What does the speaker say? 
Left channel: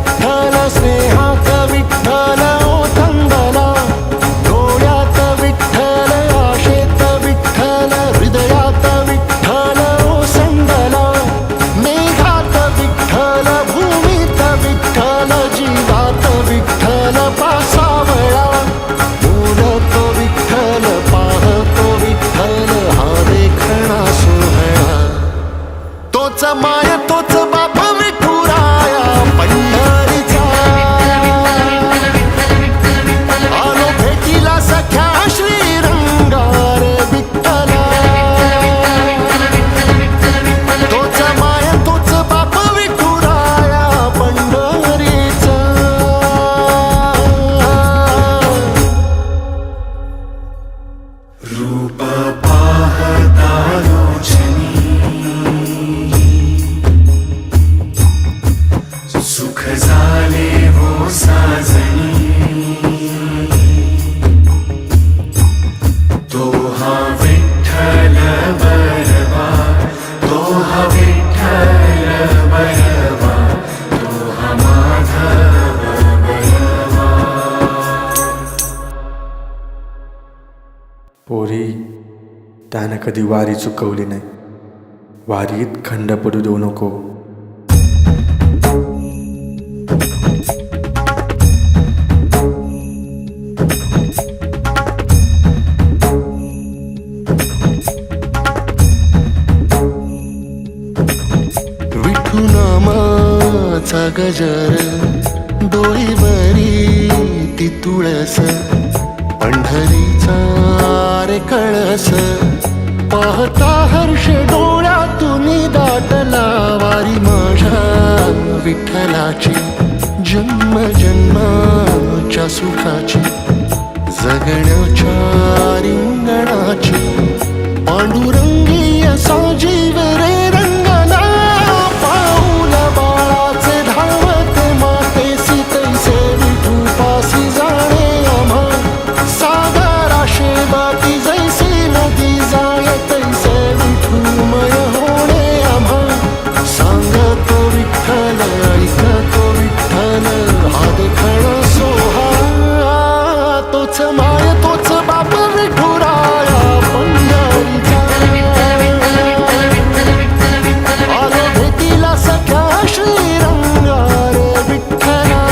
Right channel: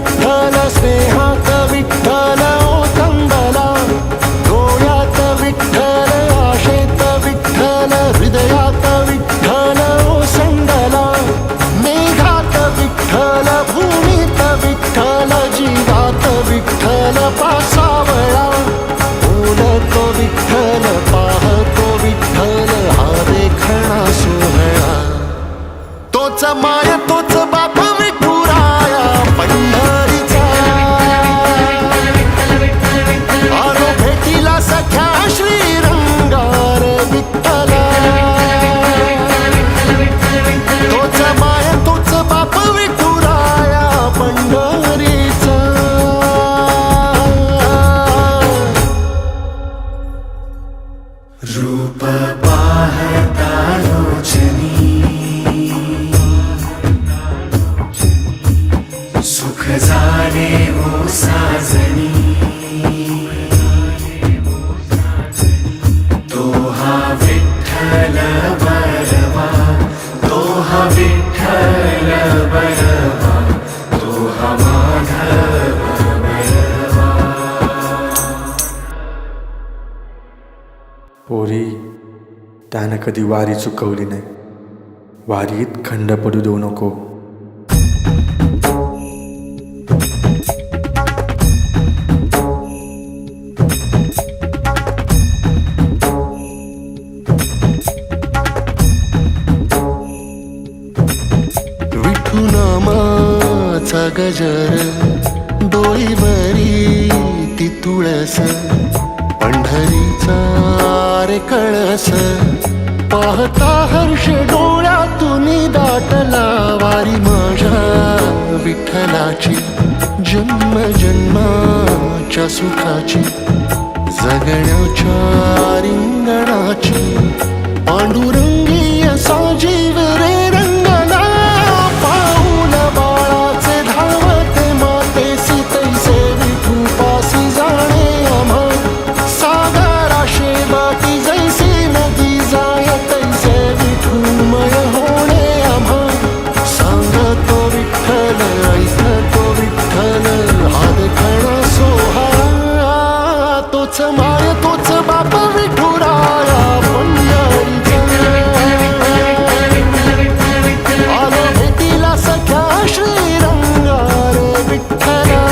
विठ्ठल स्नेहात विठ्ठल ओथंबला, डोळ्यात विठ्ठल आशेत विठ्ठल हृदयात विठ्ठल ओसंडला, मेघात विठ्ठल भूमीत विठ्ठल जीवात विठ्ठल पासावळा, बोलतो विठ्ठल पाहतो विठ्ठल हा देखणा सोहळा, तोच माय तोच बाप विठुराया पंढरीचा, आलो भेटीला सख्या श्रीरंगार विठ्ठला, तोच माय तोच बाप विठुराया पंढरीचा. रूप पाहता लोचनी सुख झाले हो साजनी, तो हा विठ्ठल बरवा, तो हा विठ्ठल बरवा, तो हा माधव बरवा. पोरी, त्यानं कधी वारी चुकवली नाही. वारीत खंड पडू देऊ नको. विठू नामाचा गजर डोईवरी ती तुळस, पंढरीचा रे कळस, पाहता हर्ष डोळ्यातून दाटला, वारी माझ्या विठ्ठलाची जन्म जन्माच्या सुखाची, जगण्याच्या रिंगणाची, पांडुरंगी असा जीव रे रंगला, पाऊल बाळाचे धावते मातेसी तैसे विठू पासी जाणे आम्हा, सागराशे बाटी जैसी नदी जाय तैसे विठूमय होणे आम्हा, सांगतो विठ्ठल ऐकतो विठ्ठल हा देखणा सोहळा, तोच माय तोच बाप विठुराया पंढरीचा, आलो भेटीला सख्या श्रीरंगार विठ्ठला.